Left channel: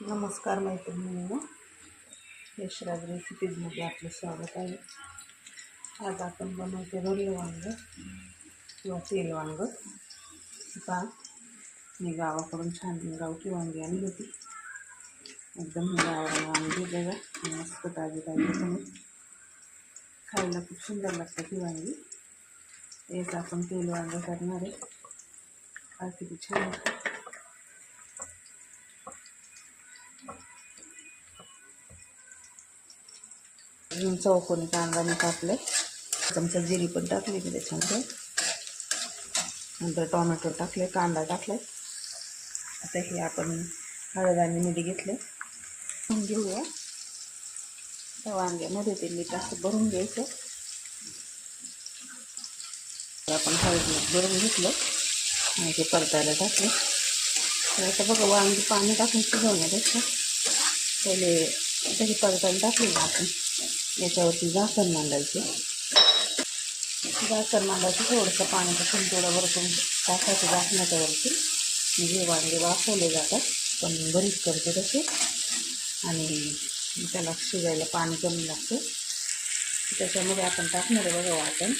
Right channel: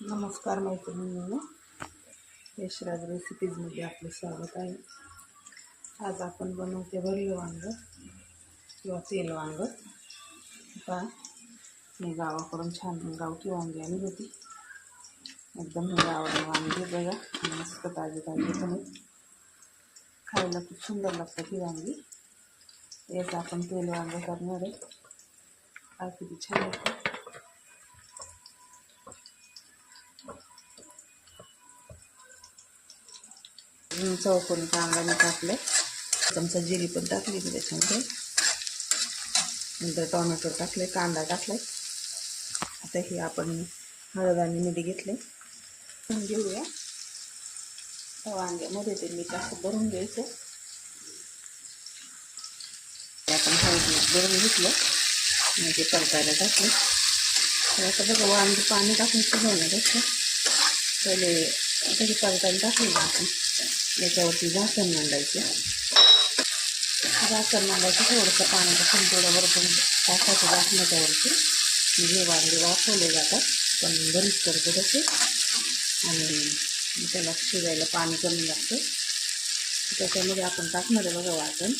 नमस्कार मैत्रिणींनो, यशराज रेसिपीजमध्ये आपलं स्वागत आहे. आज आपण बनवते भरलं वांगं किंवा तेल वांगं. पहा, मी गावाकडून छान गावठी वांगी आणली होती. एकदम गावरान वांगी बघा, मस्त ताजी ताजी पण खायला खूप सुंदर लागतात ही वांगी. याचं आपण तेल वांगं करणार आहे. हा किती छान होतं. चौकोनी कांदा टाकले, चमचा जिरी पण टाकली मी त्याच्यामध्ये. नंतर टोमॅटो टाकले, कांदा टाकले. आता हे आपण हळद आणि मीठ घेतले. घेऊया त्या वांग्यामध्ये ते मीठ असं भरून घ्यायचं. आपण हळद भरून घेतलं आणि ते परतायला टाकले. तर आता बघा, वांगी पाणी टाकून शिजवण्यापेक्षा पहिले त्याची परतायला टाकली ना आपण, याच्यावरती झाकण मांडायचे. झाकण मांडायचं, थोडंसं पाणी टाकून थोडं वरतून टाकायचं झाकणाच्यावरती. म्हणजे वांगे वाफवले जातात, पण बरीच करतो तसे. आणि त्याला शिजायला पाणी कमी लागतं. त्याच्यामध्ये आपण टाकणार आहे बघा वाटण.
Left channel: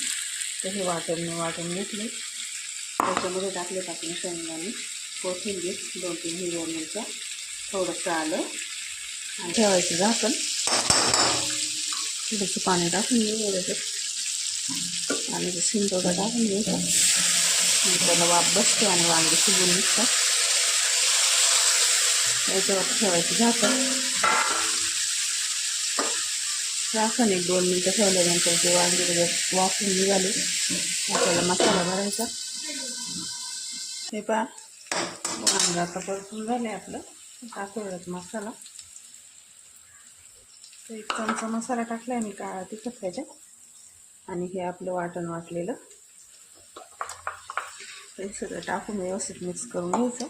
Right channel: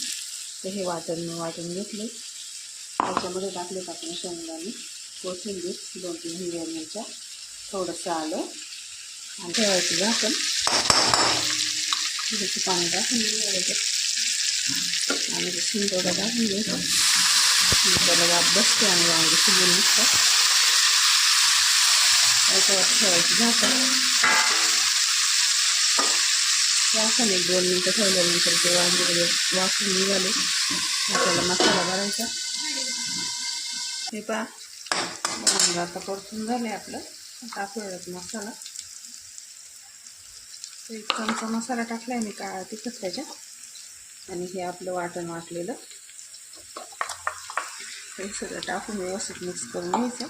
तर हे वाटण मी वाटून घेतले. त्याच्यामध्ये टाकले आपण शेंगदाणे, कोथिंबीर, 2-3 हिरव्या मिरच्या, थोडंसं आलं आणि ठेवायचं झाकण. थोडंसं पाणी टाकून घ्यायचं आणि ते शिंतोडं टाकून घ्यायचं. त्याला वाफ बसते आणि वांगे शिजून निघतात. याच्यावर ठेवायचं झाकण. 1-2 मिनटं ठेवल्यानंतर ते वांगे वाफून निघाले. आपल्याला मसाला भरायचा. हे पहा, वांगं आता परतून झाले आपलं. टाकूयात मसाला. 1 चमचा मसाला टाकला आहे मी काळा तिखट त्याच्यात. आणि हे आपलं वाटण वाटलेलं हे सगळं टाकून व्यवस्थित मिक्स करून घ्यायचं.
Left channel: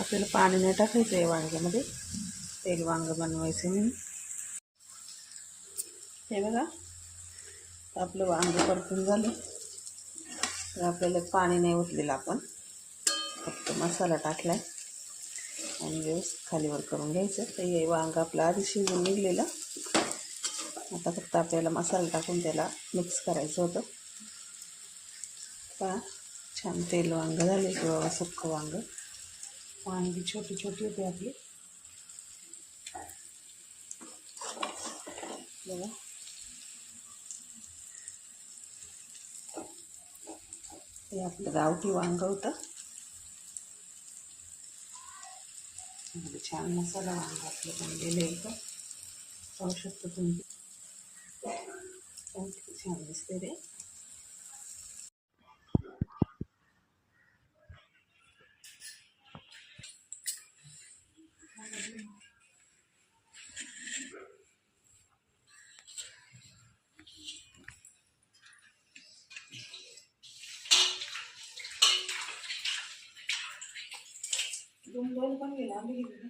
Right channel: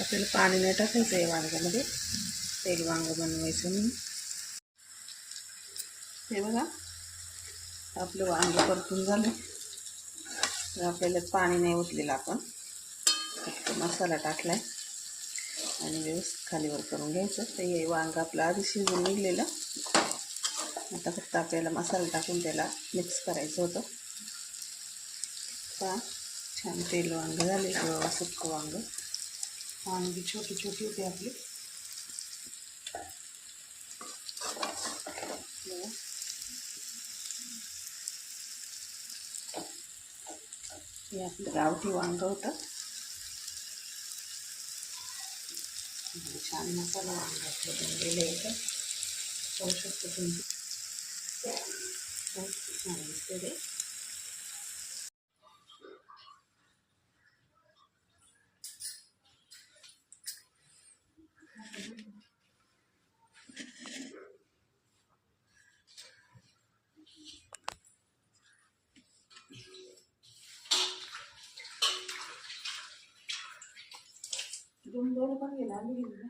आपल्याला पाणी नाही टाकायचं आहे वांग्यामध्ये, तेल वांगं बनवायचं म्हणून. हे बघा, आपलं वांगे परतून झाले. तर आपल्याला पाणी नाही ओतलेलं, आपण फक्त मसाला टाकला आहे आणि व्यवस्थित खालीवर करून घ्यायचं. तर हे वांगं आपलं आधी शिजून निघलेलं. आता फक्त आपल्याला मसाला टाकून त्याला मिक्स करायचं होतं. पहा, छान तेल वांगं झाले किंवा सुक्कं वांगं. वांगी छोटी छोटी होती आपली बघा. हे आपलं गावठी वांगं होतं. छान मसाला वांगं आपलं बनलेलं होतं. पाहू शकतो तुम्ही, छान दिसते ते. दोन पण गेला, आम्ही गेली ना.